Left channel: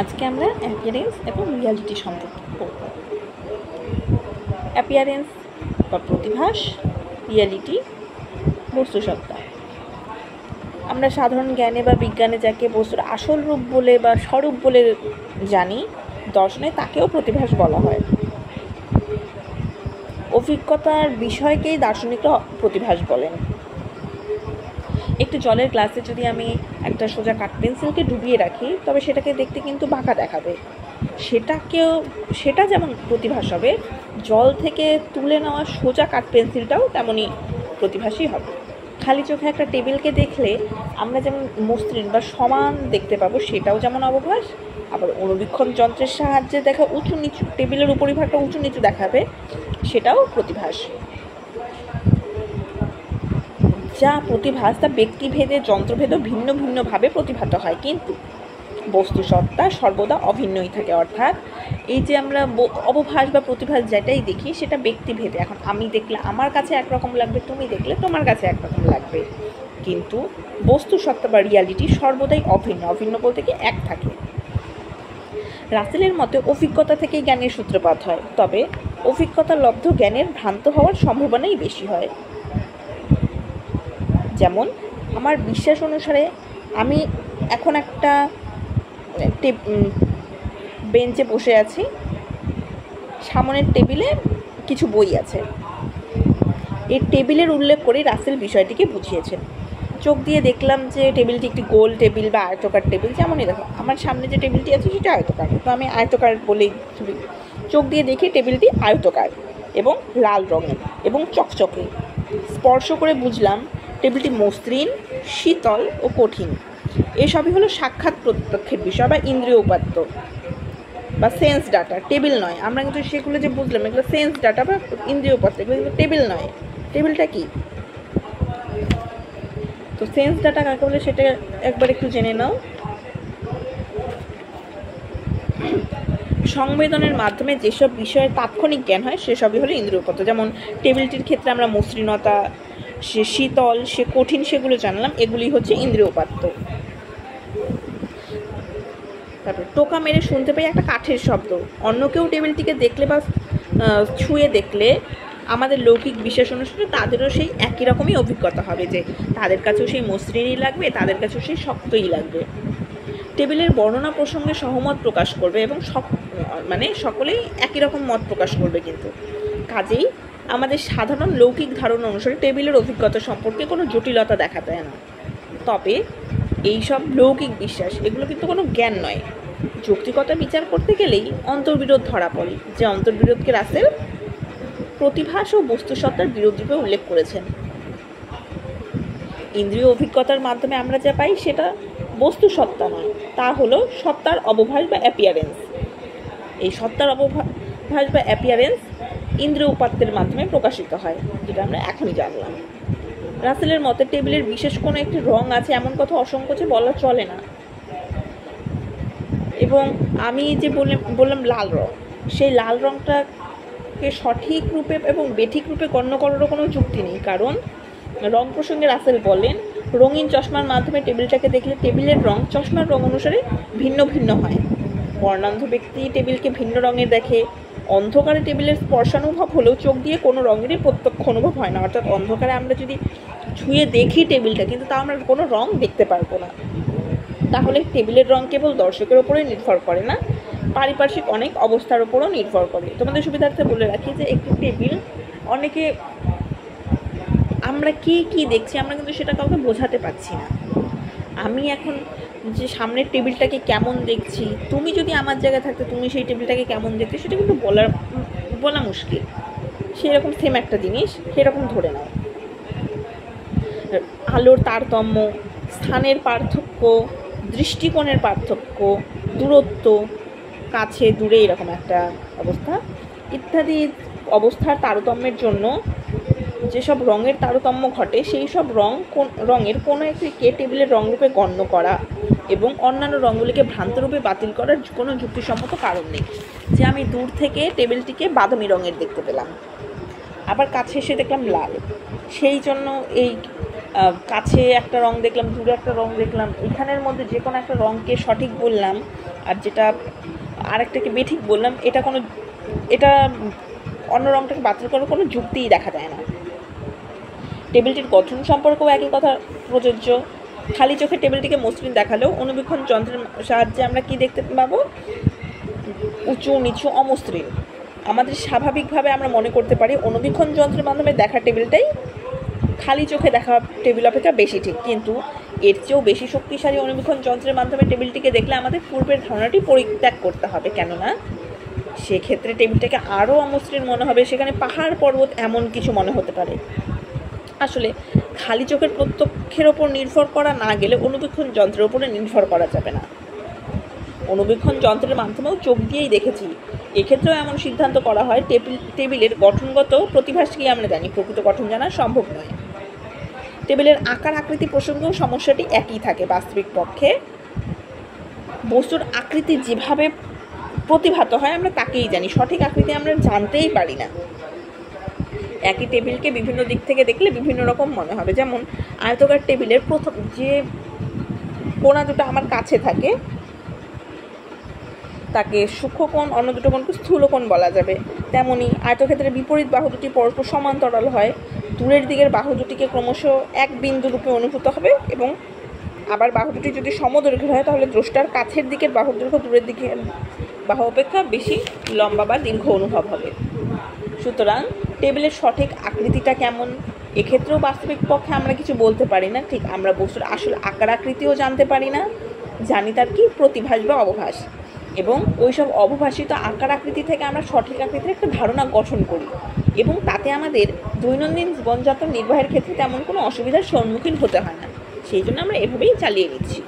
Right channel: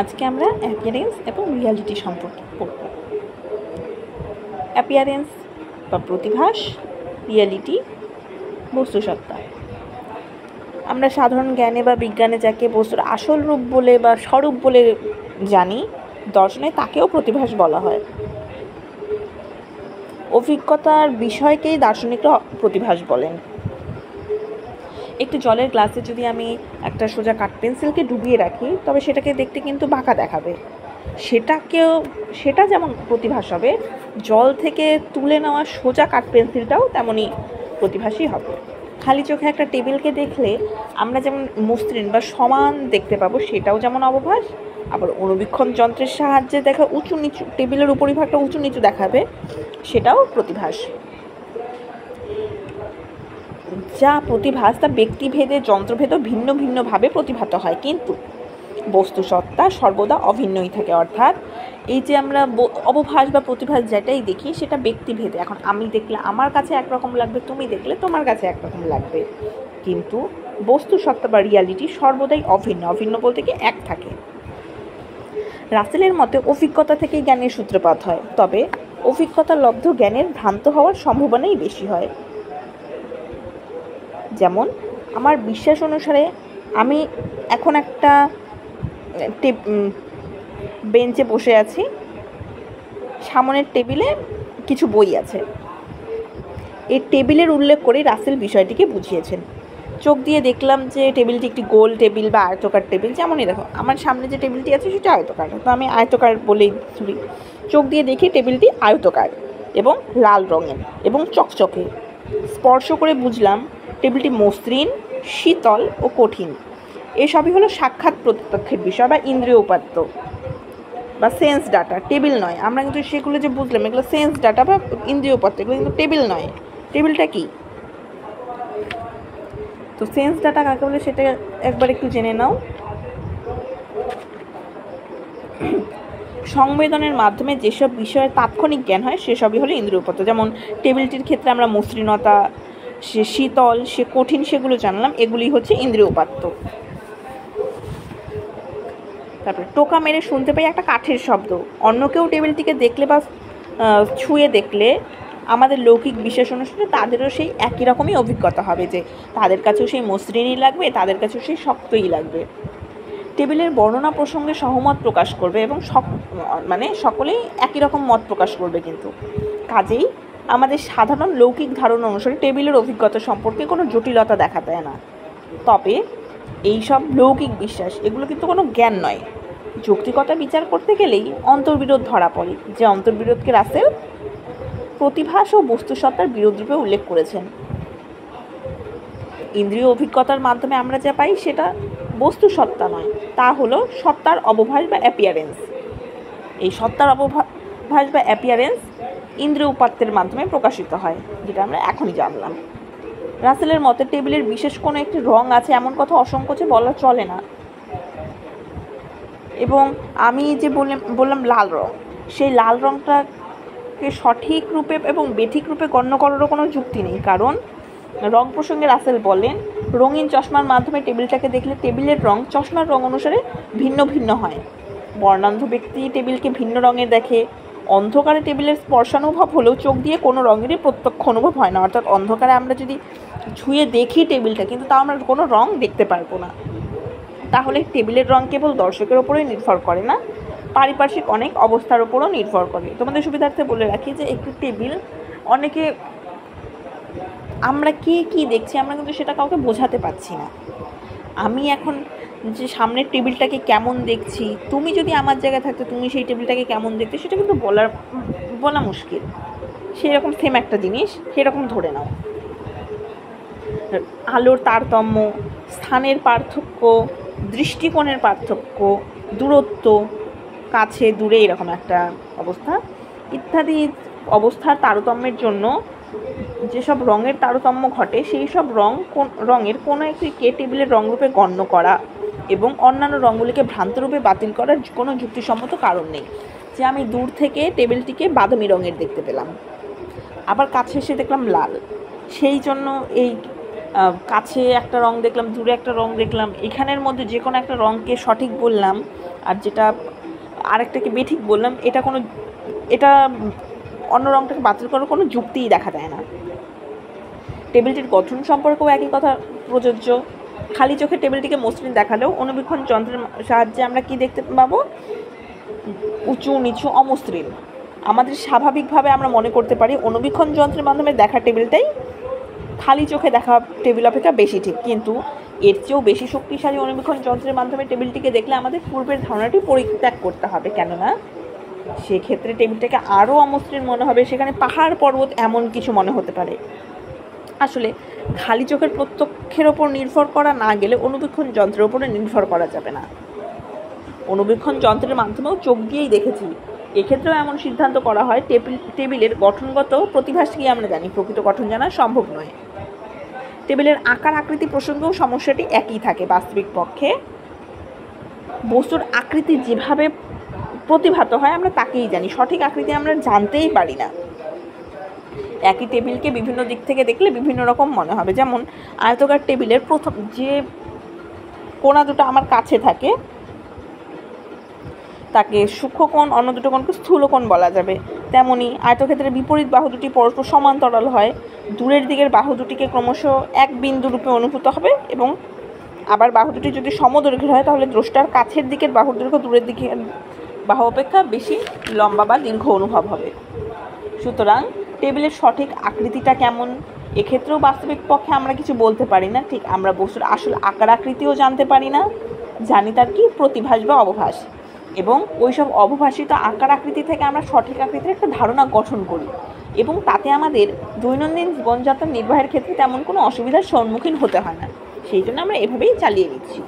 আজকে আমরা অ্যাপিয়ারেন্স এবং রিয়ালিটি সম্পর্কে পড়ব। অ্যাপিয়ারেন্স বা প্রতিভাস, রিয়ালিটি বস্তুসত্তা। আমরা সাধারণ জ্ঞানে বা বিজ্ঞানে যাকে বস্তুর আসল রূপ বলে বা স্বরূপ বলে জানি, দর্শনে তাকেও প্রতিভাস বলা হয়। অভিজ্ঞতার বিষয়কেই দার্শনিকরা প্রতিভাস বলেন। একটু জলের গ্লাসে যদি আমি একটা সোজা কাঠ পেন্সিলকে ডুবিয়ে রাখি, তবে সেটাকে দেখতে কিন্তু বাঁকা দেখাবে। সেটা যেমন প্রতিভাস হবে, জল থেকে তুলে নেওয়া সোজা কাঠ পেন্সিলটাও তেমনই প্রতিভাসই হবে। খালি চোখে একটা টেবিলকে দেখলে আমরা যেমন মসৃণ বা সমান দেখতে পাবো, সেটাও যেমন অবভাস। আবার অনুবীক্ষণ যন্ত্রের সাহায্যে দেখা উঁচু নিচু, টেবিলের উপরিভাগটা উঁচু নিচু দেখাবে, সেটাও প্রতিভাস। যা প্রতিভাস তা ব্যক্তিভেদে যন্ত্রভেদও ভিন্ন ভিন্নভাবে প্রতিভাত হয়, কিন্তু বস্তুসত্তা সর্বদা অভিন্নই থাকে। অর্থাৎ এই যে আমরা অবভাস বা প্রতিভাস যেটাই দেখি, সেটা ব্যক্তিভেদে। এখন আমি দেখলে আমার কাছে একরকম লাগবে, তুমি দেখলে তোমার কাছে একরকম লাগবে, কিন্তু বস্তুসত্তা বা রিয়ালিটি সর্বদাই অভিন্ন। অভিন্ন বলতে কি এক থাকে। রাসেলের মতে অভিজ্ঞতা থেকেই জ্ঞানের সূত্রপাত হয়, তবে অভিজ্ঞতা লব্ধ জ্ঞানের ভ্রান্ত হওয়ার সম্ভাবনাই বেশি হয়। যেমন আমার বিশ্বাস অনুসারে আমি এখন একটা বেঞ্চে বসে আছি, সামনের টেবিলে কিছু বই আছে। এই টেবিলের উল্লেখ করে রাসেল বিষয়টিকে বুঝিয়েছেন। চোখ দিয়ে দেখলাম যে টেবিলটি একটি গোল টেবিল বা আয়তকার টেবিল। যেমনই দেখো, আমার সামনে যে টেবিলটি আছে সেটা আয়তকার, তো আমি আয়তকার বলেই ধরি। চোখ দিয়ে দেখি টেবিলটি আয়তকার এবং লাল রঙের এবং চকচকে। স্পর্শ করে বুঝলাম টেবিলটি মসৃণ, শীতল ও কঠিন। এসবই হলো সাক্ষাৎ প্রত্যক্ষের বিষয় বা ইন্দ্রিয় উপাত্ত বা সেন্স ডাটা, টেবিল নয়। আমরা কিন্তু সেগুলো যে বুঝলাম, এগুলো সেন্স ডাটা বা ইন্দ্রিয় উপাত্ত, এগুলো কিন্তু টেবিল নয়। টেবিলটা কি? তো সেন্স ডাটা কাকে বলে সেটা একবার একটু জেনে নাও। সংবেদনের মাধ্যমে যেসব বিষয়ের তাৎক্ষণিক জ্ঞান হয়, সেসবই হলো ইন্দ্রিয় উপাত্ত। যেমন টেবিলটির ক্ষেত্রে আমরা মসৃণতা, সে শীতল, সে কঠিন, সেগুলো জানলাম, এগুলি হচ্ছে ইন্দ্রিয় উপাত্ত। তারপরে টোকা মেরে শুনতে পাই একটা কাঠের শব্দ। অন্য কেউ টেবিলটিকে দেখলে বা ছুঁয়ে দেখলে আমাদের লৌকিক বিশ্বাস অনুসারে তাদেরও সেই একই রকমই অভিজ্ঞতা হবে, যে তাদের কাছেও সেই মসৃণই লাগবে, তাদের কাছেও সেই শক্তই লাগবে। টেবিলের বর্ণনা প্রসঙ্গে সহমত প্রকাশ করবে এবং সকলেই একই রকম মত প্রকাশ করবে, কিন্তু কাজেই আমাদের সাধারণ লৌকিক ধারণা অনুসারে টেবিলের অভিজ্ঞতা সম্পর্কে কোনো জটিলতা দেখা দেয় না। তবে এইসব লৌকিক বিশ্বাস, এগুলো কিন্তু কোনো জ্ঞান নয়। যৌক্তিকতা বিচার করতে গেলেই অন্তর্বিরোধ ধরা পড়ে, যে অন্তর্বিরোধকে রাসেল প্রতিভাস ও বস্তুসত্তার বিরোধ রূপে উল্লেখ করেছেন। ইন্দ্রিয় অভিজ্ঞতার মাধ্যমে আমরা যা পাই সেটা বস্তুসত্তা নয়, তা হলো সত্তার অবভাস বা অ্যাপিয়ারেন্স। এই সত্তার অবভাস বা অ্যাপিয়ারেন্স ইন্দ্রিয় উপাত্তের মাধ্যমে প্রকাশিত হয়, যেটা আমরা এখনই জানলাম। রাসেলের মতে টেবিলের বিশেষ কোনো একটি রং আছে এমন কথা অসংকোচে বলা চলে না। এবং আমি যে বললাম লাল রং, সেই লাল রংটাকে সঠিক রূপে এবং বেঠিক রূপে গণ্য করারও কোনো যুক্তি নেই, কারণ রং প্রসঙ্গে রাসেল বলেন, রঙিন চশমার মাধ্যমে টেবিলটাকে দেখলে টেবিলের রং চশমার রং অনুসারে ভিন্ন ভিন্ন হয়। বর্ণান্ধ ব্যক্তি টেবিলকে ভিন্ন রঙের দেখে। অন্ধকারে টেবিলের স্পর্শানুভব হলেও চোখ দিয়ে কোনো রঙেরই প্রত্যক্ষ অনুভব হয় না। অর্থাৎ অন্ধকারে আমরা যদি ছুঁয়ে দেখি টেবিলটা, কিন্তু তা আমরা কোনো রং দেখতে পারবো না। তাহলে টেবিলের রং কেবল দর্শকের ওপরেই নির্ভর করে না, পারিপার্শ্বিক অনেক অবস্থার ওপরও নির্ভর করে। তোমাদের সুবিধার্থে বলে রাখি যে একটু টেবিল, অনেকে আমরা কি দেখছি আমরা কিন্তু সেটা কাউকে বোঝাতে পারছি না। আমি এখন যে সামনের টেবিলটাকে কেমন দেখছি, তুমি যদি আমার জায়গায় থাকতে তুমি সেই টেবিলটাকে কেমন দেখতে, সেটা কিন্তু বলা মুশকিল। সেরকম সেম একটা জিনিস সেরকম ধরে নাও। আলোর তারতম্য, স্থানের পার্থক্য, দৃষ্টিকোণের পার্থক্য, দূরত্ব, কাছে দূরে এরকম একটা অবস্থা ইত্যাদি অবস্থার তারতম্যের জন্য যেসব রঙের তারতম্য ঘটে, সেই সব রঙের কোনো একটিকে টেবিলের রঙরূপে গণ্য করা এবং অন্যান্য রঙগুলিকে ভ্রান্তরূপে বাতিল করার কোনো যুক্তিসম্মত কারণ নেই। যে আমি দূর থেকে টেবিলটিকে বাদামি রঙের দেখতে পেলাম, আবার কাছে এসে দেখলাম লাল, সেই জন্য এই কাছে একটা রং দেখলাম, দূরে একটা রং দেখলাম, এখানের মধ্যে যে কোনো একটা রঙকে সঠিক বললাম আর যেটা আরেকটাকে বেঠিক বললাম, এটা অন্য রঙটাকে বাতিল করার কোনো যুক্তিই দেখা যায় না। টেবিলটির গঠন সম্পর্কেও একই কথা প্রযোজ্য। খালি চোখে টেবিলটিকে মসৃণ দেখালেও অনুবীক্ষণ যন্ত্রের সাহায্যে আমরা কি দেখতে পাবো? উঁচু নিচু অমসৃণ। আমাদের স্বাভাবিকভাবে আমরা মনে করতে পারি অনুবীক্ষণ যন্ত্রের মাধ্যমে দেখা টেবিলটাই খালি চোখে দেখা টেবিল অপেক্ষা বেশি ঠিক, কিন্তু এর চেয়েও বেশি শক্তিশালী অনুবীক্ষণ যন্ত্রের মাধ্যমে টেবিলটিকে দেখলে আমাদের পূর্বের ধারণাটি পরিত্যাগ করতে হবে। কেননা সেক্ষেত্রে টেবিলটাকে আরও অমসৃণ মনে হবে, সেখানে পাহাড় পর্বত এমন কিছু মনে হতে পারে। আসলে খালি চোখের প্রত্যক্ষের ওপর নির্ভর করা না গেলে অনুবীক্ষণ যন্ত্রের ওপরে নির্ভর করা যাবে না। অনুবীক্ষণ যন্ত্রের মাধ্যমেও চোখ দিয়েই দেখেছি, এক্ষেত্রেও এমন সিদ্ধান্ত করা হয় টেবিলের গঠনগত প্রতিভাসকেই আমরা জানি, প্রকৃত গঠন জানা সম্ভব নয়। টেবিলের আকার আকৃতি প্রসঙ্গেও সমস্যাটি একই থাকে। বাস্তবিক পক্ষে বস্তুর আকৃতি যেভাবে প্রতিভাত হয় আমরা তাকেই জানি, সঠিক আকৃতি আমরা জানতেই পারি না। একই টেবিলকে বিভিন্ন দিক থেকে দেখলে বিভিন্ন রকম মনে হবে। যেমন আয়তকার টেবিলের প্রথম যে কোণা দুটো আমার কাছে থাকে তাকে সূক্ষ্মকোণ, অন্য দুটো কোণকে স্থূলকোণ বলা যাবে। তেমনি আয়তক্ষেত্রের বিপরীত বাহু দুটি পরস্পর সমান্তরাল হয়, দূরের দিকের বাহু দুটিকে ক্রমশ এক বিন্দু রূপে অনুভূত হবে, এবং আবার বাহু দুটি যদি সমদৈর্ঘ্যের হয় তাহলে দ্রষ্টার কাছের দিকের বাহুর দৈর্ঘ্য দূরের দিকের বাহু অপেক্ষা বেশি লম্বা বা দীর্ঘ অনুভব হবে। সুতরাং টেবিলের সঠিক আকৃতিটা কেমন, এক্ষেত্রেও বাস্তবিক পক্ষে আমরা কিছু বলতে পারি না। ঠিক আমরা বস্তুর আসল আকার আকৃতিও জানতে পারি না, জানি তার কি প্রতিভাস বা অবভাস, এবং ওইসব অবভাসিত আকার আকৃতি থেকে আমরা সঠিক আকৃতির একটা ধারণা গঠন করি, এবং তাতে আমাদের দৈনন্দিন জীবনযাত্রা নির্বাহের ক্ষেত্রে তেমন কোনো অসুবিধার সম্মুখীন হতে হয় না। সেই জন্য আমরা এভাবেই চালিয়ে নিচ্ছি।